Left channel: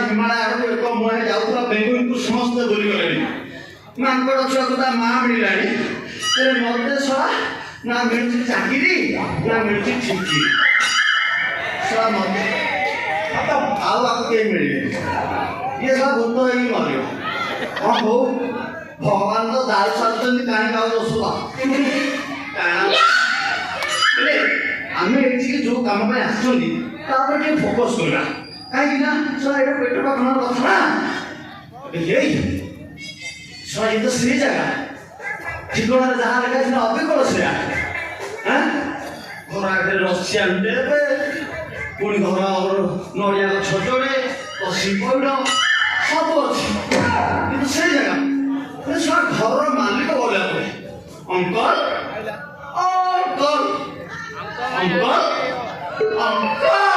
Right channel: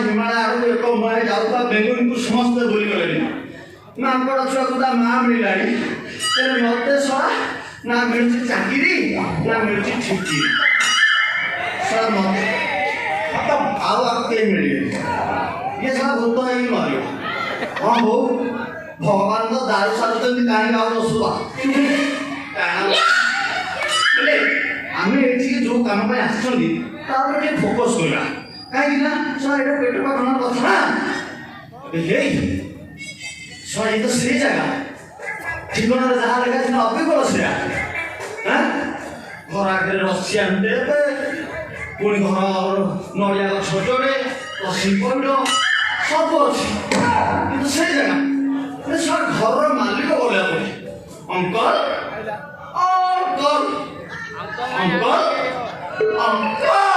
हिमालय एक मुहे जाऊता बेगुन को समस्त दूरी गले मानकर छुआ माँ मिलला मत ना मिलती चाकरी ना मिलती ठिकी मत आउ आगे मिले ये सब भूत ही मर हाँ बो भगवान तो दारू साधुन कहीं गाँव सुआ आम ये जो कम आसमें फोकस करा कहीं पेट पाखन कथा ये तो से जगह ठिकाना जहाँ लगा अभिज्ञ से घर आगे रसिया पुणी घर नड़िया छोटे पशी पैड़ सब अच्छे कि से जगह घर मालिक बोला अंकल अंकल अंकल अंकल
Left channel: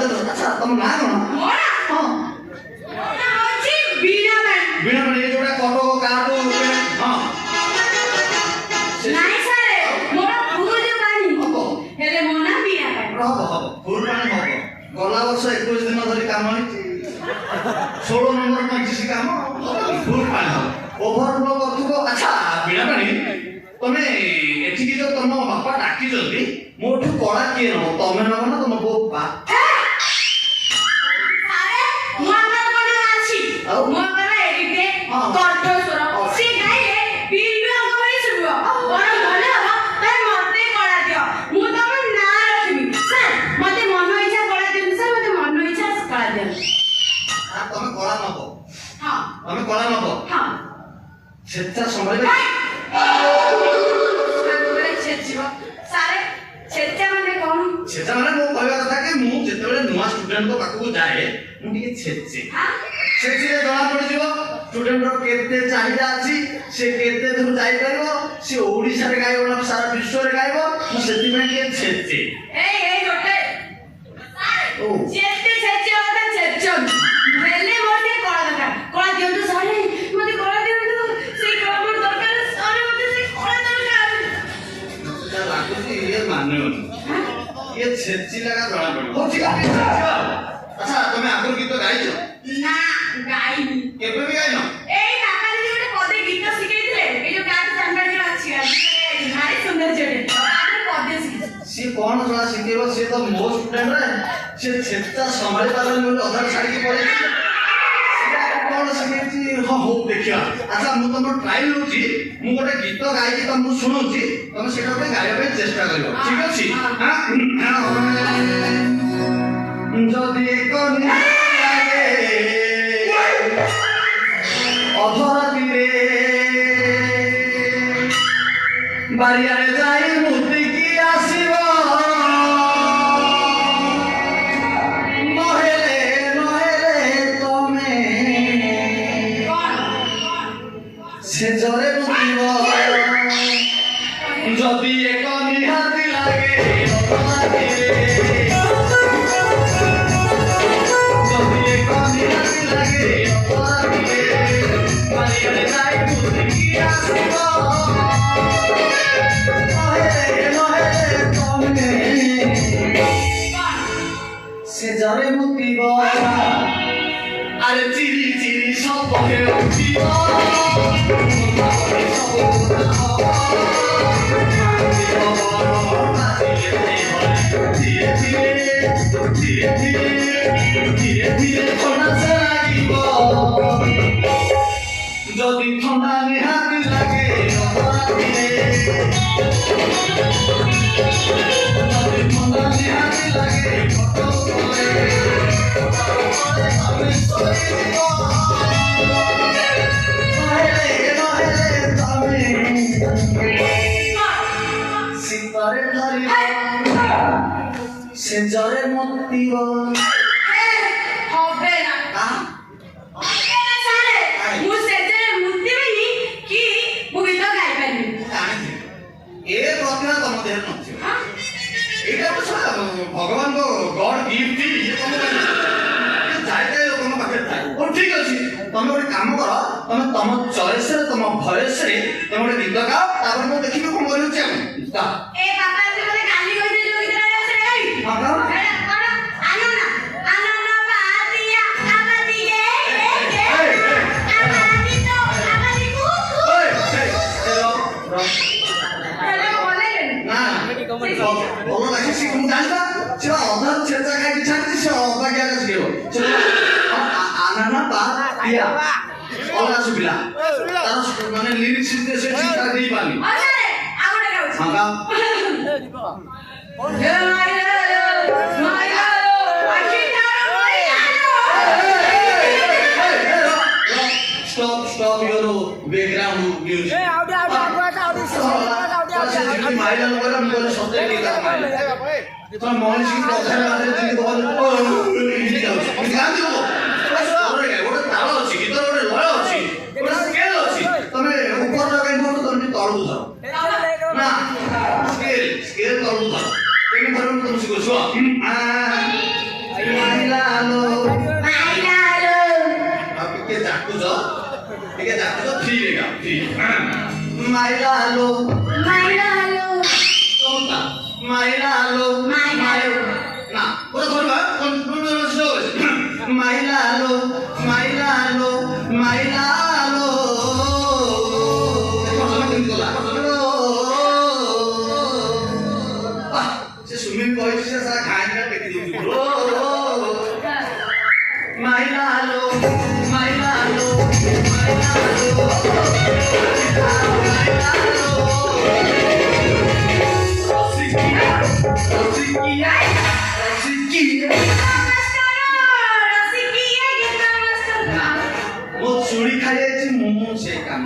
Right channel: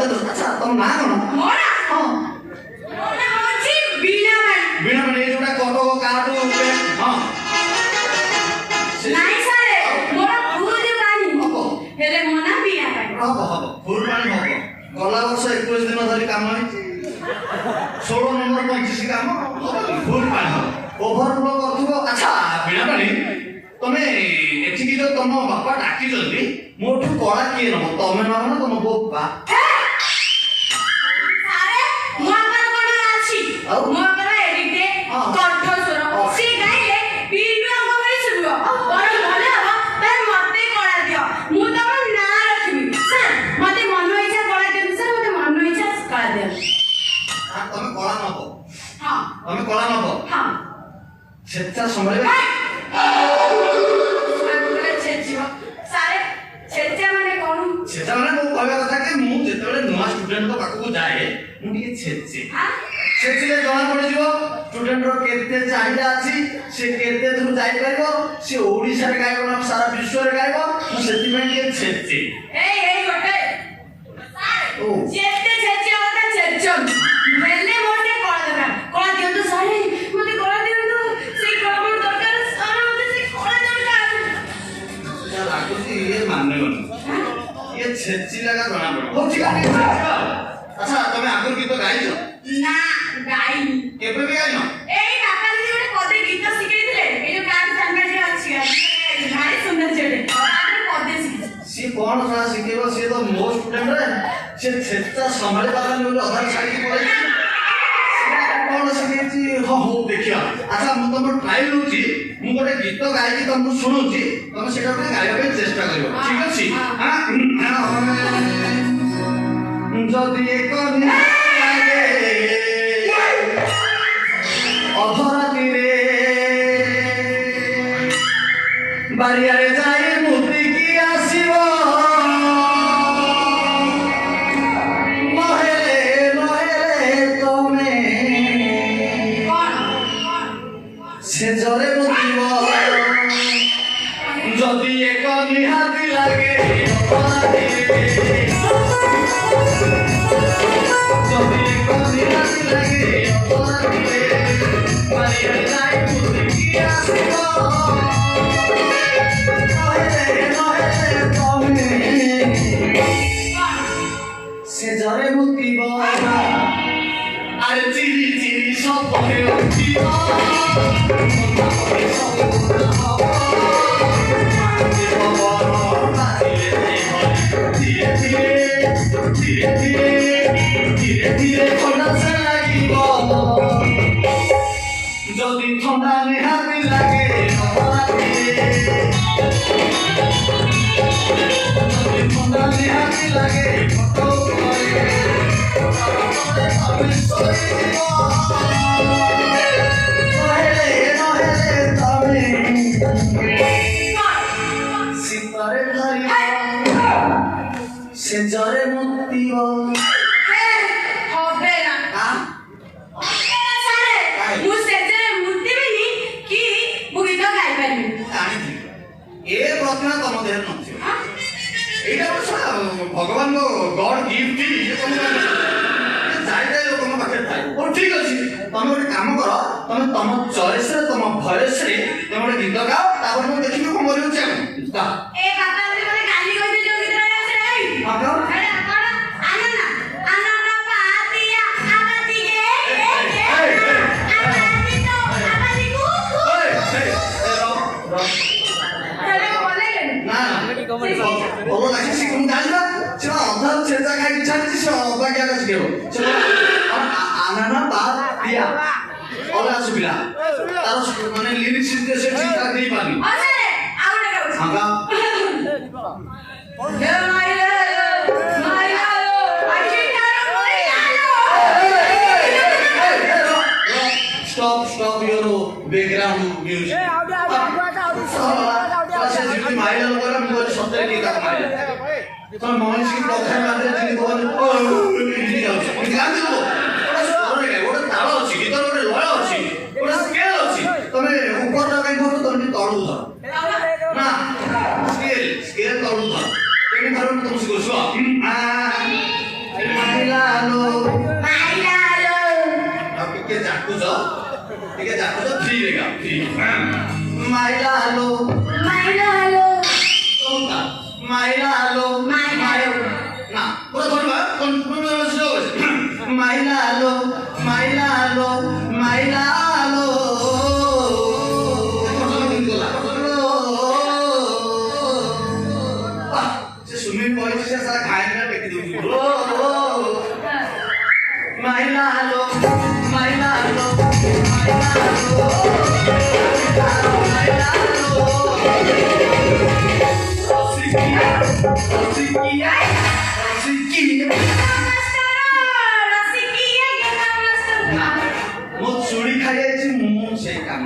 ମତେ ଆଚ୍ଛା ତମ ନାଁ କଣ? ହଁ ବୀଣା ବୀଣା ମାନେ ଏ ଯୋଉଟା କଟକ କାଟୁ ହଁ ନାଇଁ ସାର୍ ମୋର ଭୁଲ ପାଣି ହେଲେ ମୋ ନାଁ ବୀଣା ହବ ଫୁଲ ପାଣି ହବ ଗଲା ବର୍ଷ 21 ଦିନ ଧରି କାମ ହେଇଛି 16 ନମ୍ବର 25 କାମ ଫୁଲ ପାଣି ହବ ଓଭରଫ୍ଲୋ କରୁଥିବ ଆଚ୍ଛା ବୀଣା ପାଣି ତମେ ଏଠିକି ତ ତମ ବାପା ଡାକିଛନ୍ତି ମୋଠୁ କଳା କିଏ ନବ ତମେ ନବ ନା ତମ ବୋପା ତମେ କଳା ନବ ଛେଚା ସମୟରେ ଛେଚା ମାନେ ମୁଁ କହିବା କଥା କି ମୁଁ ଯେତେବେଳେ ନୂଆ ଷ୍ଟୁଡେଣ୍ଟଙ୍କ ପାଖକୁ ଯାଏ ମୁଁ ଟିକେ ଛେଚେ ଛେଚିଲେ ଜଣା ପଡିଯିବ ଷ୍ଟୁଡେଣ୍ଟର କେତେ ଚାହିଦା ଅଛି ସେ କେତେ ଦୂର ଯାଇପାରିବ ସେ ଓଡ଼ିଶାରେ ଗାଇବ ନା ସାରା ବିଶ୍ୱରେ ଗାଇବ ମୁଁ ସେଥିପାଇଁ ଟିକେ ଛେଚେ ଛେଚି ଲାଗା ଜଣା ପଡିବ ହଉ ଠିକ ଅଛି ଆଚ୍ଛା ତମେ ଆଗରୁ ଗୀତ ଗାଇଛ ନା ଗାଇନି କେବେ ବି ଗାଇନ ଏଇ ବାପା ଦିଦି ଗୋଟେ ପଦେ ଗୀତ ଶିଖେଇଥିଲେ ଏଇ ଯୋଉ କାଟ ସାମ୍ବାଡି ଅଛି ଭାରି ସୁନ୍ଦର ଝିଅଟେ ତାପରେ ପଦେ ଶିଖେଇଛି ସିଏ କଣ ସାରା ଶିଖେଇବ ସିଏ ତ ମୋ ଷ୍ଟୁଡେଣ୍ଟ ସେ ଛେଚା ସମ୍ଭାଳି ପାରେନି ବୋଲି ଅଧା ଛାଡ଼ିକି ପଳେଇଛି କଣ ଶିଖେଇଛି ହଁ ହଉ ଦେଖିବା ଆଚ୍ଛା ମୁଁ ତମର ଟ୍ରାଏଲ ହଉଛି ମୁଁ ଗୋଟେ ଗୀତ ଗାଇକି ତମକୁ ଶୁଣୁଛି ତମେ ସେଇଟା ଗୋଟେ ଗାଇବା ପାଇଁ ଚେଷ୍ଟା କରିବ ଠିକ ଅଛି ଯଦି ଏକ ଅଧରାତିରେ ବାରିଆରେ ଯାଇ ମୁଦିକି ଆସିବ ନହେଲେ ତମେ ସେଜରେ ମୁଦିବ ଯଦି ଏକ ନିହାତି ଲାଗେ ଅଧରାତିରେ ଯଦି ଏକ ନିହାତି ଲାଗେ ଅଧରାତିରେ ବାରିଆରେ ଯାଇ ମୁଦିକି ଆସିବ সেজরে মুতিব আরে চিরি চিরি সপনে উঠিব ধীরে ধীরে ধীরে ধীরে ধীরে ধীরে ঠোঁটা লাগিব যদি ঠোঁটা নিহাতি লাগে যদি ঠোঁটা নিহাতি লাগে শীতরে ধরিব সেজরে মুক্তিব হবে না ମୁଁ ସେଜରେ ମୁତିବିନି କି ମୁଁ ଗୀତ ଗାଇପାରିବି ଏ ପ୍ରଶ୍ନ ତମ ଦେହରେ ନଥିବ ଏଇଟା ଭଗବାନଙ୍କ ଗଡ ଗିଫ୍ଟ ଲୋକଙ୍କ ପାଖରେ ଥାଏ ହଉ ଠିକ ଅଛି ତମେ ଗୋଟେ କାମ କର ତମେ ତମ ଚଏସରେ ତମ ଭଏସରେ ତମେ ଗୋଟେ ଗୀତ ଗାଅ ତାପରେ ମୁଁ ଦେଖିବି କଣ କରିଉଛି ଆଉ ଏ ବାପା ମତେ କାଲି କହିଥିଲେ ଯୋଉ ଗୀତ ମାନେ লিরিক্স দেশে ঠিক করে দিই পারি stop your background music মাইলা করে মুখে সত্যি কি কাজ মাইলা কোন মনসিক কথা মাঝে যদি বল ইজি যাও আমি গান দেব ওরে ওরে তাল আছে গীতর ওরে লয় আছে ওরে স্কেল আছে তুমি উপর লাগাই মত তুমি তলু যাও না স্কেল তলু যাও এই ধরনের তুমি শিখছো ମାଇଲା ଆଲୋ ମାଇଲା ଆଲୋ ମାଇଲା ଆଲୋ ମାଇଲା ଆଲୋ ନା ପୁରା ଧରିବା ମାଇଲା ଆଲୋ ମାଇଲା ଆଲୋ ମାଇଲା ଆଲୋ ସେ ସୁମିଂ ବୟସ ସେ ସାରା ଖାଇବା ପେଟି ଦଉଛି ମାଇଲା ଆଲୋ ମାଇଲା ଆଲୋ ମାଇଲା ଆଲୋ ମାଇଲା ଆଲୋ ରସିକିଆ ରସିକିଆ ରସିକିଆ ମୋ ଚୁଡ଼ି ଖାଇଯାଇଛି ମୁଁ ସେ କାମ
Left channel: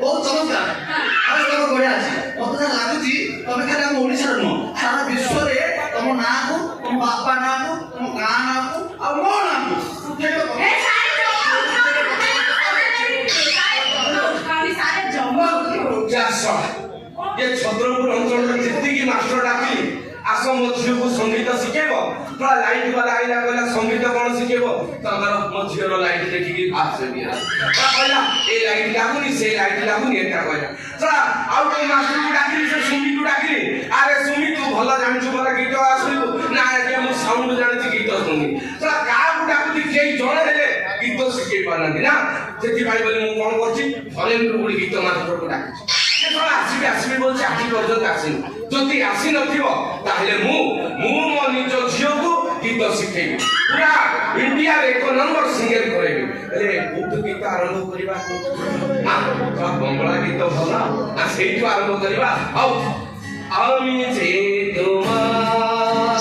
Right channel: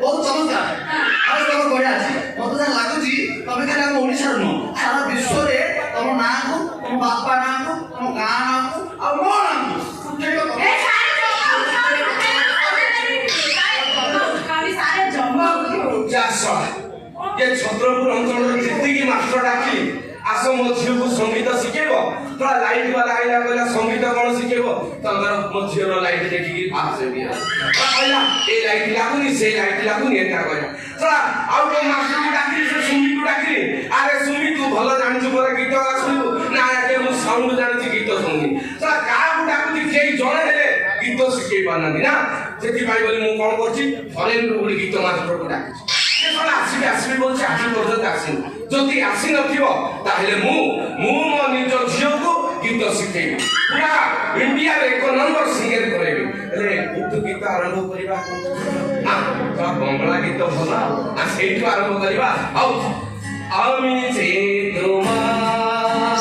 ବହୁତ ଚମତ୍କାର ଆଉ ତମ ବଢିଆ ଅଛି ମତେ ଯାହା ଲାଗୁଛି ତମେ ଖାଲି ଆମ ଓଡ଼ିଶାର ନୁହଁ ସାରା ବିଶ୍ୱରେ ତମ ନାଁକୁ ତମ ବାପା ନାଁକୁ ତମ ଗାଁ ନାଁକୁ ଆଉ ମୋ ନାଁକୁ ये छत्रपुर अंचल जितकी मास्टर डाकिली आस मो झील को संगीत शिखेब थोड़ा लाइट वाला आइला कहला संगीत कौन शिखेब तो मो झील लाइट देखिकी पास रे दिया कहला ए लाइट लागुनी से लाइट लागुनी एटा कहला थोड़ा आउ तो मास्टर को डाकिली से सुमी को डाकिली अरे सुमी तू भलो जानछु बोला गीत आसलु ना के मु साउंड जानछि गीत सुनी थोड़ा का को डाकुती जेई जणे हेले गीत शिखेई पानंदी ना जेति भाई बोली मु कोन करछि फरेन रो गीत मास्टर को डाकिछि আসবে আসবে বলছে আজ পর্যন্ত আসেনি যদি আসি নথিব তাহলে মু মো নিজ ঝিওকু গীত শিখেবি পুরা ইন্ডিয়ার 1 নম্বর সিঙ্গার করেবি হেলে কোথু গীত আরম্ভ করিবা না তোরা বঙ্গলা গীত ভাল না সেইটু আরম্ভ করিবা আও আমি যে তোমার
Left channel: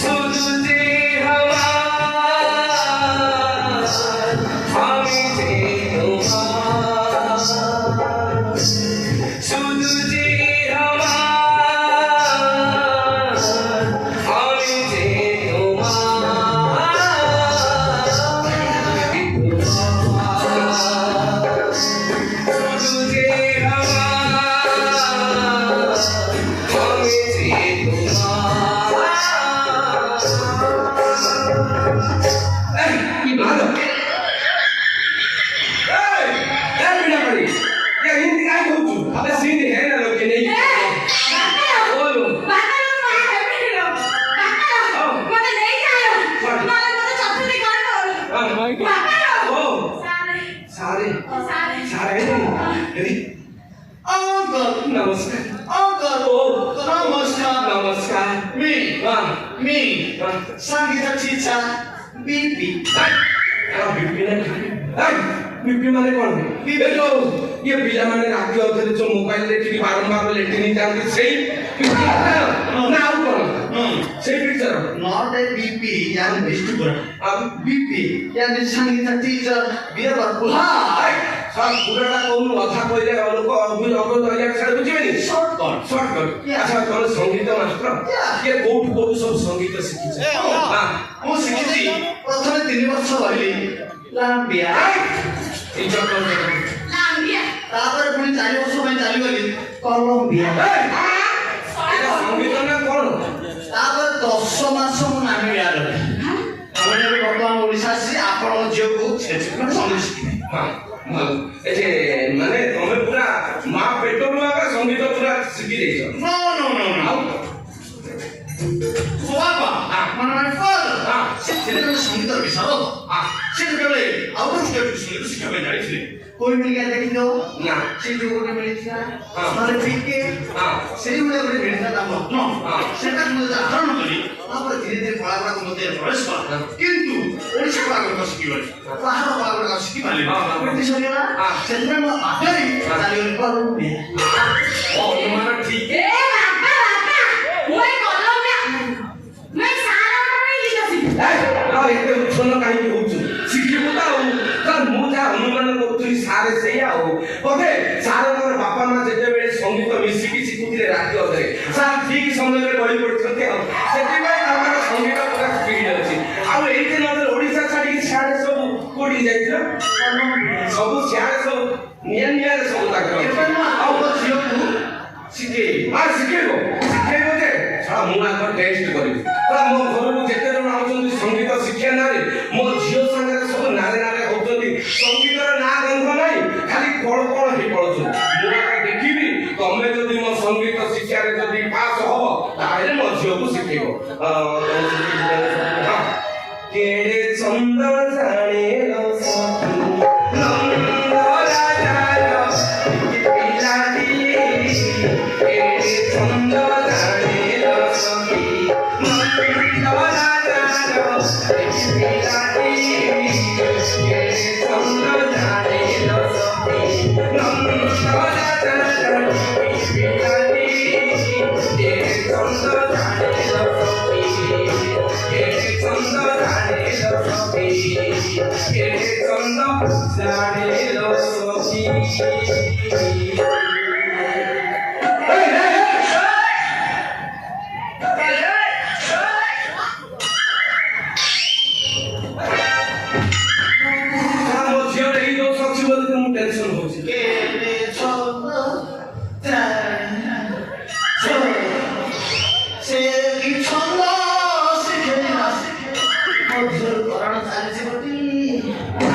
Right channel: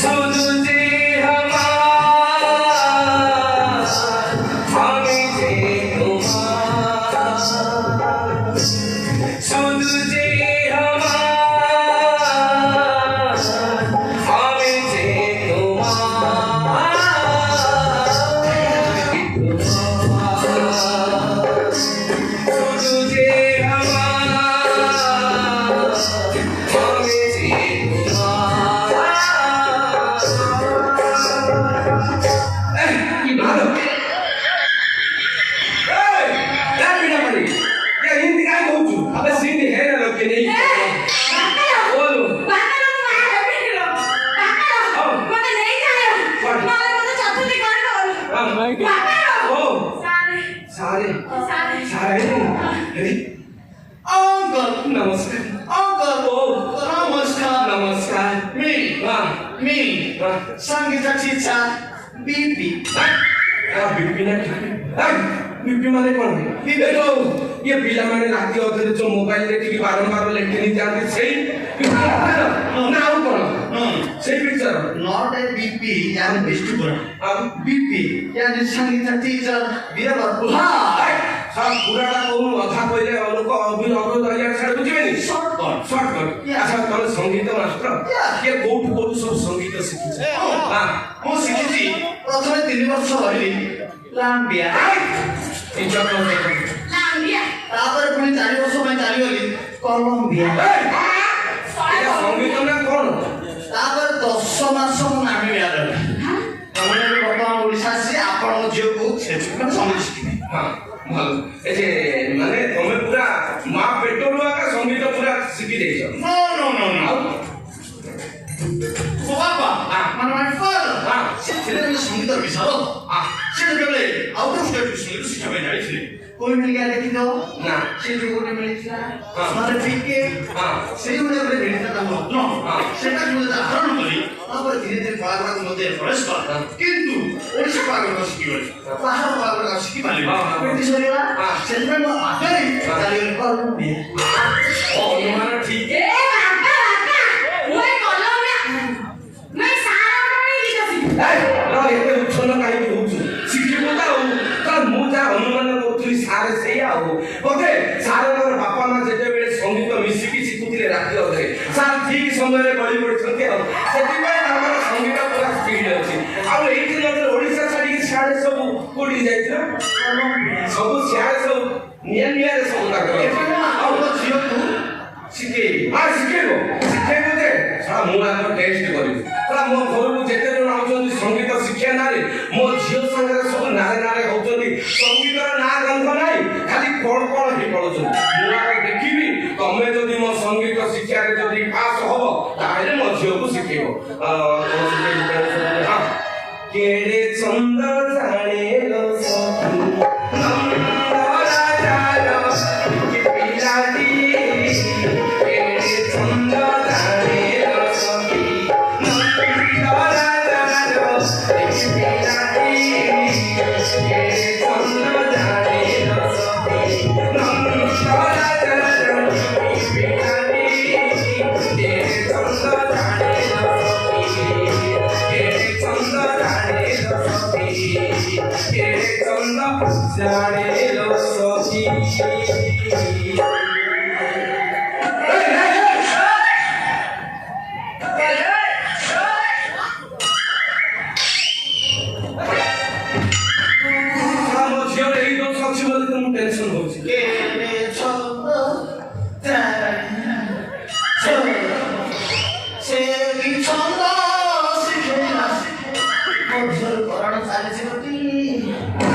শুধু যে আমি যে संगीत शिक्षा बीपी बीपी माने कौन है ये जो ये पिला माने रात के जो मोबाइल देखि बारंबार लेटिन जाते से ना आउ कौन से पिक्चर नॉट ए बीपी यानी डिस्ट्रीब्यूटर अब बीपी यानी संगीत टीचर बियर बुहा सब पुराना कोन अधा कइले लोक अभी अभी दलिया छाड़ बुझिबेनी शॉर्टकट अच्छा तोर संगीत मास्टर ये कोठ सब संगीत शिखिছে हां ମୁଁ ଶିଖିଛି ପ୍ରଥମେ 3 ବର୍ଷ ରହିଲି ଲାମ୍ବିଆ टीचर को ତାପରେ ପୁଣି 4 ବର୍ଷ ପାଇଁ ଚାଲିଗଲି କଲମ୍ବିଆ संगीत ना कौन ତାପରେ 10 ମାସ ମୁଁ ନାମିବିଆ ରହିଲି ତମେ ବି ବର୍ତ୍ତମାନ ଓଡ଼ିଶା ଆସି ଆପଣଙ୍କ ଝିଅକୁ ସେଠିକୁ ସଙ୍ଗୀତ ଶିଖିବେ हां ए माने तमे पूरा मां पेटରୁ आका संगीत पूरा शिखि देछ नो नो नो नो बाबा ମାନେ ଫାଦର ସେତେବେଳେ ସଙ୍ଗୀତ ବିଷୟ ସେତେବେଳେ ଆଉଟ ଅଫ୍ ଷ୍ଟେଟ୍ ସଙ୍ଗୀତ ଶିଖିବା ପାଇଁ ଯାଇଥିଲେ कोई मिल गया देखी दो ना से जो कोई मिल गया मतलब ठीक के से मुझे अपने बेटा का मत नो सेटा मुझे आकरण करी अब धीरे धीरे कलाकार मध्य प्रवेश कर किंतु ओडिसा कलाकार शिखिबे बाहर कलाकार शिखिबाले केति सरेला सेंटर में आगे चाली कर ओ माने ठीक ए बाबा ओए कलम में मैं सारा में लिखा सी रा एते उछन काई होछु शिखिबो ता मु जा अनुमान करथुली सारे से आओ ओके सारे मोर बापा मां जेते बेले संगीत मिसिकी शिखुतिले राखी अधरे ସବୁ ସିଆଡ଼େ ସବୁ ନିଆରେ ସବୁ ଏବେ ତାଙ୍କର ମୁଁ ଆପଣଙ୍କ ଝିଅକୁ ଶିଖେଇବି। ଶିଖେଇବ ଯେ ଶଳା ମୁଁ ଆଗ ଟେଷ୍ଟ କରିବି ଶଳା ମୋ ଘରକୁ ଯେତେ ଜଣ ଆଉଛନ୍ତି ସଙ୍ଗୀତ ଶିକ୍ଷା ନାଁରେ ମୋ ଝିଅ ସାଙ୍ଗରେ ସବୁ ନାରେ ହଉଛନ୍ତି ସଙ୍ଗୀତର ନାଁ ଗନ୍ଧ ନାହିଁ ଖାଲି କଣ ହେଇ ପଡୁଛନ୍ତି ମୁଁ ଆଗ ଦେଖିବି ତମେ ଯଦି ମୋ ସଙ୍ଗୀତ ଶିକ୍ଷାରେ ଯଦି ପାସ୍ ହବ ତାହେଲେ ମୋ ଝିଅକୁ ଶିଖେଇବ କେଡ଼େ ଛନ୍ଦ ଜାଣେ ଲୋ ସଖୀ ନନ୍ଦ ରାଜାର ପିଲାଟି କେଡ଼େ ଛନ୍ଦ ଜାଣେ ଲୋ ସଖୀ ନନ୍ଦ ରାଜାର ପିଲାଟି କେଡ଼େ ଛନ୍ଦ ଜାଣେ ଲୋ ସଖୀ ନନ୍ଦ ରାଜାର ପିଲାଟି କେଡ଼େ ଛନ୍ଦ ଜାଣେ ଲୋ ସଖୀ କେଡ଼େ ଛନ୍ଦ ଜାଣେ ଲୋ ସଖୀ କେଡ଼େ ଛନ୍ଦ ଜାଣେ ଲୋ ସଖୀ ମୋ ଝିଅର ଏଇ ଦୋଷ ଅଛି ବୋଲି ତ ମୁଁ ଟେନସନ ହଉଛି କେଡ଼େ ଛନ୍ଦ ସେ କି ଛନ୍ଦ ଶିଖେଇଲା ମୋ ଝିଅର କରଣ ଚାଲିଛି ଗୋଟି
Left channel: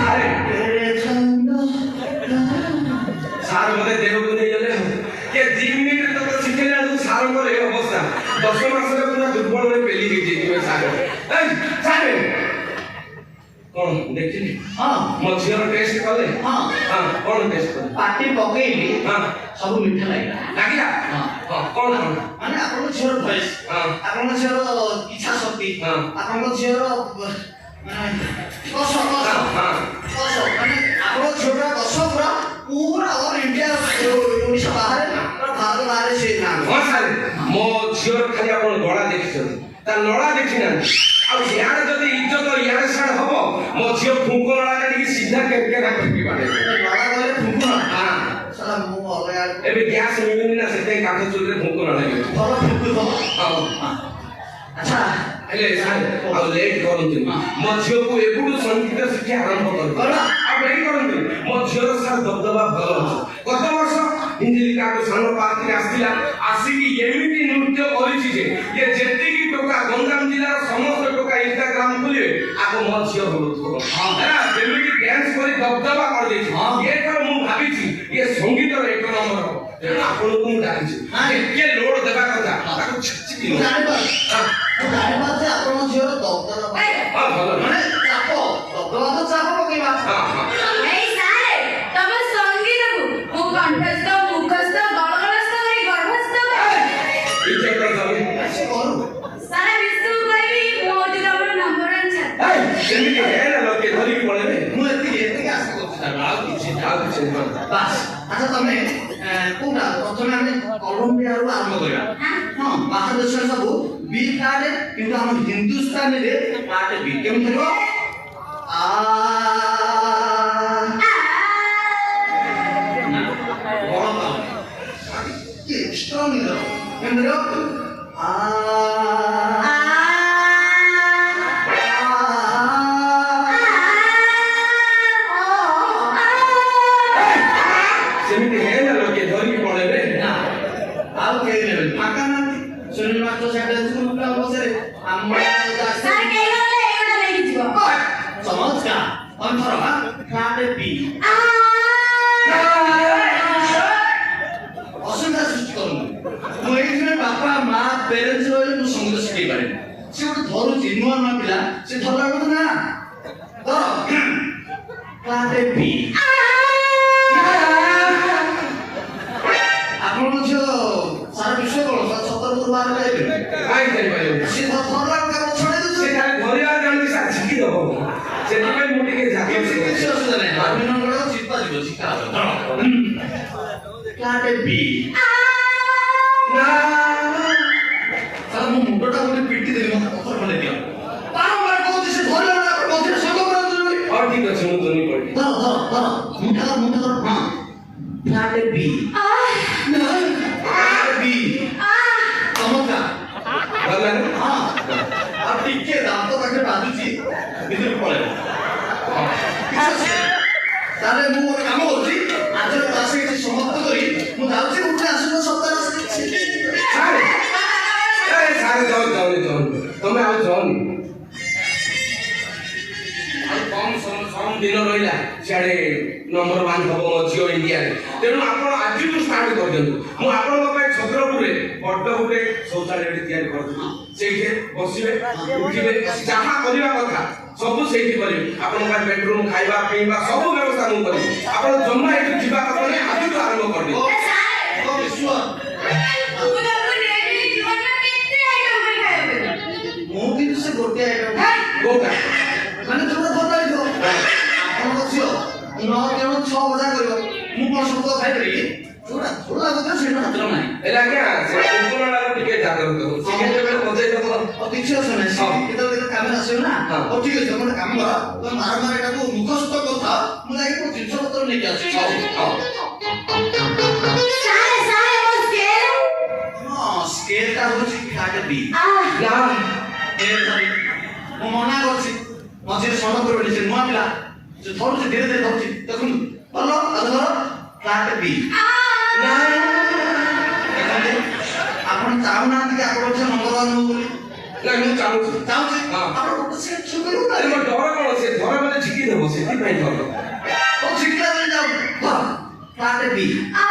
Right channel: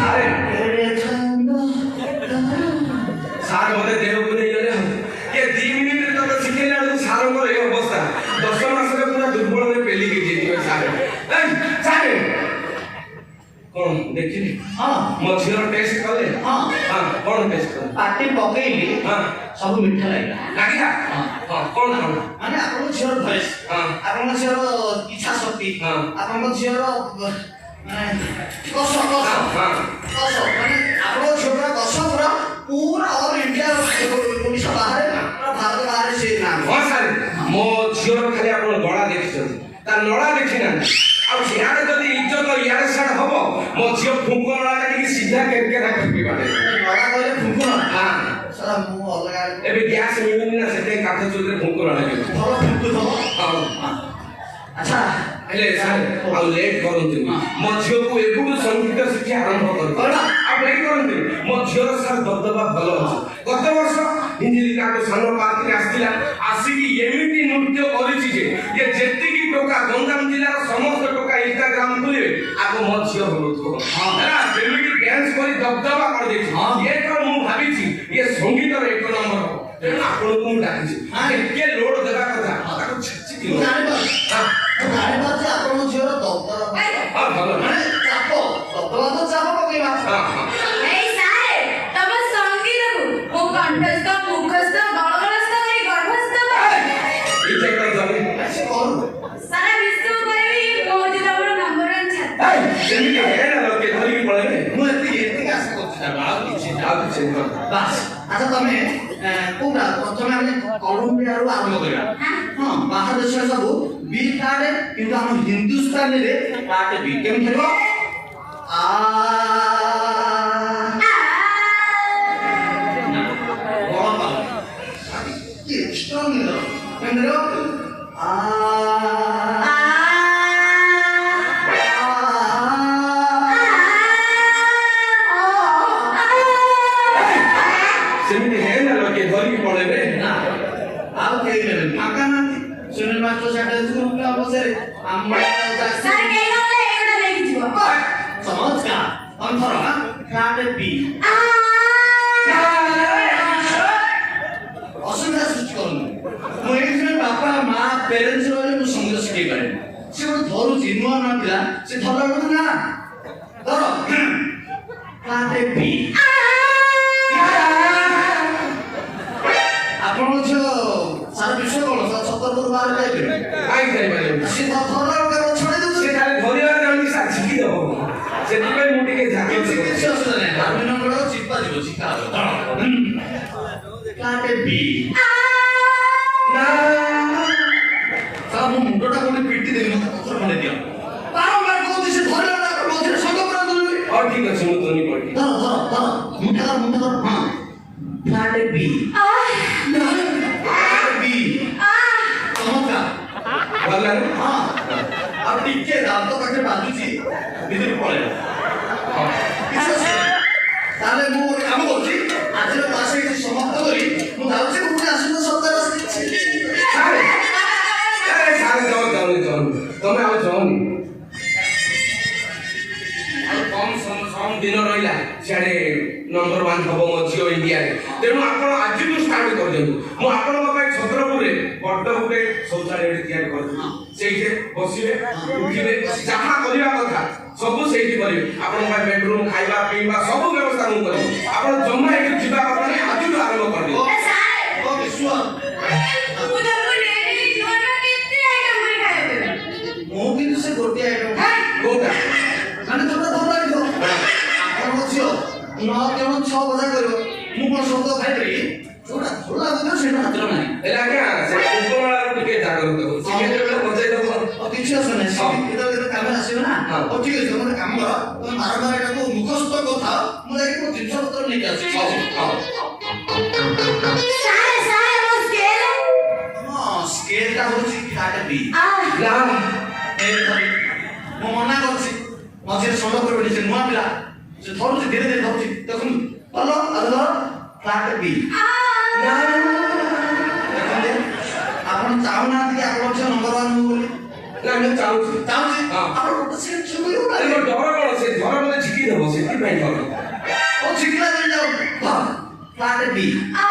ଆରେ କେଡ଼େ ଛନ୍ଦ ସାର୍ ମତେ ଦେହକୁ ନେଇଗଲେ ଏ 2 ମିନିଟରେ ତତେ ଶିଖେଇଲା ବେଳକୁ ସାରଙ୍କର ଏ ଅବସ୍ଥା 10 ମାସରେ ପୁରା ଦୁର୍ବଳରେ ପେଲିକି ଯିବେ ସାର୍ ସାର୍ କଣ ଦେଖିଲି ହଁ ମୋ ଝିଅର ଟେଷ୍ଟ କଲେ ହଁ କଣ ଟେଷ୍ଟ କଲେ ପାଟି ପକେଇଲି ହଁ ସବୁ ମିଠା ଲାଗିଲା ଲାଗିଲା କଣ ମାନେ ଆପଣଙ୍କ ଝିଅର ଭଏସ୍ ଆପଣଙ୍କ ଝିଅର ଇଚ୍ଛା ଶକ୍ତି ଆପଣଙ୍କ ଝିଅର କଷ ମାନେ ଆପଣଙ୍କ ଝିଅର କଷ ପୁରା ଅଲ୍ ଇଣ୍ଡିଆ ଓଡ଼ିଶା ବାହାରେ ପୁରା ଭାରତ ବାହାରେ ସେ ନାଁ ହଁ ସାର୍ ମୋ ଝିଅର ଖାଲି ଆପଣ ଗଳା ଦେଖିଛନ୍ତି ତା ନଳା ଦେଖିନାହାନ୍ତି ଆଉ ଇଆଡ଼େ ଯଦି ଇଜ୍ଜତ ଇଆଡ଼େ ସିଆଡ଼େ ହବ ମୋ ଝିଅ ଫୁଙ୍କ ନଳା କାଟିକି ସିଧା କେରକେରା କରିକି ବାଡ଼େ ଗଳା କହିଲେ ଫୁଙ୍କୁଣ ସାର୍ ମୁଁ ଅଲଗା ଏବେ ଗ୍ୟାସ୍ ମିଳୁନି ନା ସେଥିପାଇଁ କାଠ ଚୁଲିରେ ଫୁଙ୍କ ନଳା ହେଇଯାଉଛି ଭଲ ଫୁଙ୍କୁଥିବ ଆଚ୍ଛା ହେଲେ ସାର୍ ଆଉ ଲେଟ୍ କରନ୍ତୁନି ମୋ ଝିଅକୁ ଏବେଠୁ ସଙ୍ଗୀତ ଶିକ୍ଷା ଆରମ୍ଭ କରନ୍ତୁ ଆଉ ଲେଟ୍ କରନ୍ତୁନି ମୋ ଝିଅର ସାର୍ ଦବଦବା ଭଲ ଅଛି ଗତ ବର୍ଷ ହିଞ୍ଜିଲିକାଠୁ ସାନ ପାର୍କରେ ଆସିଥିଲା ଆସିକି ଏମିତି ନୃତ୍ୟ କରିଛି ଯେ ଯେତିକି ଟୋକା ଗଞ୍ଜାମ ଜିଲ୍ଲାର ସମସ୍ତ ଟୋକା ଇନଷ୍ଟାଗ୍ରାମ ଖୋଲିବେ ଆଗ ମୋ ଝିଅ ହଉଥିବ ଯେମିତି ଡ୍ୟାନ୍ସ କରି ଦବଦବା କରିଦେଇଛି ଏଥର ମୁଁ ଭାବିଛି ଇଏ ସଙ୍ଗୀତର 1 ନମ୍ବର ଆପଣଙ୍କୁ ମୁଁ ଡାକିଛି ଟିକେ ଲୋଡ ଦେବା କଥା ତାକୁ ଛେଚିକି ମୁଁ ଜାଣିପାରୁଛି ଆପଣଙ୍କ ଝିଅର ଦବଦବା ଭଲ ମାନେ ଚାପ ଦବଦବା ତ ଚାପ ପକେଇବା ଏଇ ସାର୍ ତମ ସଙ୍ଗୀତକୁ ମୋ କଣ୍ଠସ୍ଥ ମୁଖସ୍ଥ ଗଳଗଳସ୍ଥ କରି ଗର୍ଭସ୍ଥ ସେ କରୁ ସାରା ବିଶ୍ୱକୁ କହିବି ମୋ ହଉଛି ତମର ନମ୍ବର 1 ଛାତ୍ର ସେମିତି ହେନା ଲୋକେ ଧରିକି ପଳେଇବେ ମୁଁ ଏତିକି ଆଶା କରୁଛି ଆଉ କିଛି ବାସ୍ ଆଚ୍ଛା ତମେ କୋଉଟା ପ୍ରଥମେ ଆମେ କଲମ୍ବିଆରୁ ଆରମ୍ଭ କରିବା ହଁ ବାହାର ଦେଶରେ ସବୁ ବି କାର୍ଡ କିନ୍ତୁ ଆମ ହିନ୍ଦୁସ୍ତାନରେ କାର୍ଡ ବି କେମିତି ହେବ ଷ୍ଟ୍ରଙ୍ଗ କେମିତି ହେବ ସେମିତି ହେନା ଲୋକେ ଧରିକି ପଳେଇବେ ଆଉ କେହି ନେବେନି ମାକା ନାହାନ୍ତି ଶୁଣି ମାତ୍ର ସେଟା ମୁକା ବସରେ ଆମର ସାର୍ କେହି ଗଲେ ଏଇଟା ନେଇକି ଯିବ ଚମତ୍କାର ଅନ୍ଥର କାର୍ଡ ବି ଅସୁବିଧା ସୃଷ୍ଟି କରୁନି ମୁଁ ଏଇଥିପାଇଁ ବାପା ମା ପ୍ୟାରେଣ୍ଟସ୍ ବୋଲି ମୁଁ ସଙ୍ଗୀତ ଶିଖେଇ ପାରେନି ସେ ଗୋଟେ ଧରୁଛି ନୂଆ ନୂଆ ପିଲା ସେ ଧରା ବେଳକୁ ନା ଧର କାର୍ଡ ବି ଆପଣଙ୍କ ଝିଅ ସାରା ବିଶ୍ୱ କଣ ଛତରପୁର ବାହାର ଯାଇପାରିବେ କାଇଁ ଯାଇପାରିବେ ସେ ଧରା ଗୋଟେ ଛଡ଼େଇ ଦେଉଛି ସେ ଖାଲି ଧରିବା ଜାଣିଛି ସାର୍ ଶିଖି ଦେବ ସେଥିପାଇଁ ମୁଁ ଟିକେ ଝାঁକି କିଛି ଅସୁବିଧା ନାହିଁ ବାରମିନଙ୍କର ଚିପା ଯିବ ଶିଖା କାର୍ଡ ବି ସାରା ମୋ ମୁଣ୍ଡଟା ଗୋଟେ ପିଟି ଦେବି ମତେ ପଥର ଖଣ୍ଡେ ଦିଅ ବାରମ୍ବାର କହୁଛି ସେ ଧରିଲା ନା ମଝିରେ ସଙ୍ଗ କରନ୍ତୁ ହଉ ଠିକ ଅଛି ମୁଁ ଧରି ପଡ଼ିବି ଧର ମୁଣ୍ଡା ହଁ କାର୍ଡ ବି ଗଲା ହଁ ଆଉ ଟିକେ ଦାନ୍ତ ପାଖରେ ବାଜୁଛି ଭିତରୁ ପଳେଇବ କିଛି ଅସୁବିଧା ନାହିଁ ଦିନ ରହିଲା ସିଆଡ଼େ ନମ୍ବର 1 ହବ ମୋ ଝିଅ ଇଣ୍ଡିଆରେ। ତେଣୁ ଆପଣ ଆଜିଠୁ ଷ୍ଟାର୍ଟ କରିଦିଅନ୍ତୁ। ମୁଁ ଆପଣଙ୍କ ପାଇଁ ଛତ୍ରପୁରରେ ବଡ଼ ଗୋଟେ ଶୌଚାଳୟଟେ ତିଆରି କରୁଛି। ସେଇଠି ବସିବେ, ଉଠିବେ, ଯାହା କରିବା କଥା ସବୁ ସେଇଠି କରିବେ। ଆପଣଙ୍କ ପାଇଁ ବେଡରୁମ୍, ଖାଇବା ପିଇବା ସବୁ ବ୍ୟବସ୍ଥା ମୁଁ କରିବି। ଆପଣ ଜମା ଏଠୁ ଯିବା କଥା ନାହିଁ, ଆଜିଠୁ ଆରମ୍ଭ କରିବେ। ଏ ସାର୍ ଓକେ ସୁଅ ମୁଁ ତମକୁ ନେଇନି ନୂଆ କେତେ ଆଇଟମ କରି ଖାଇବେ ମୁଁ କିନ୍ତୁ ସେ ଗୋଟେ ଆଇଟମ କୋଉଟା? ମାନେ ଯୋଉଟା ଭଲ ଲାଗିବ ଆପଣଙ୍କ ଝିଅ 9 କେବଳ 6 ବଜା କରିବ ମୁଁ କଣ ସବୁ ଖାଇପାରିବି? ଯୋଉଟା ଭଲ ଲାଗୁଥିଲା ସେଇଟା ହାତରେ ନାହିଁ। ହେଲେ ଆଜ୍ଞା ସେ ଉପମାଳାରୁ ଟିକେ ଜାଗ୍ରତ ହଉ। ଚିକେନ ବେଳେ ବଜେଇ ଦେବ। ଆଉ କିଛି ଅସୁବିଧା ନାହିଁ। ହଁ। କେତେବେଳେ କାମରେ ଆସିବ ନା ହଁ। ହଉ ଠିକ ଅଛି ତମେ କାମ କର ତମେ ବାରମ୍ବାର ଏଟାକୁ ମୁଖସ୍ଥ କଥା ମୁଁ ଯାଇକି ମୋ ଜିନିଷ ପତ୍ର ନେଇକି ଆସୁଛି। ହଉ, ହଉ। ସାର୍ ସାର୍ ମୋ ସ୍କେଲ ହଁ ସ୍କେଲଟା ହଉଛି ଫ୍ଲାଟ୍ B। ଆ ନା ମୁଁ ମନା କରୁଛି ମଝିରେ ସମଗ୍ର ବିଡ଼ିଛି ନୂଆ ପିଲା ସେ ଧରୁଛି ଧୀରେ ଧୀରେ ଧରୁଛି ଦେଖନ୍ତୁ ଭଲ ଆଉ ଧର ଫ୍ଲାଟ୍ B। ନା ଦେଖନ୍ତୁ ଆପଣ ଚାହୁଁନାହାନ୍ତି କି ଆପଣ ଝିଅ ନମ୍ବର 1 ହଉ ବୋଲି? ନା ମୁଁ ଚାହୁଁଛି। ଚାହୁଁଛି ହଁ। ଆପଣ ଗୋଟେ ସେ କରିବ ନା ଆରେ ଡର କଣ? ସେ ଧର ବୋଲେ ଝିକି ଦେବ, ସେଥିପାଇଁ ଡର। ଓ ଶିଖିଲା ଯାଉ ଫ୍ଲାଟ୍ B। ଆ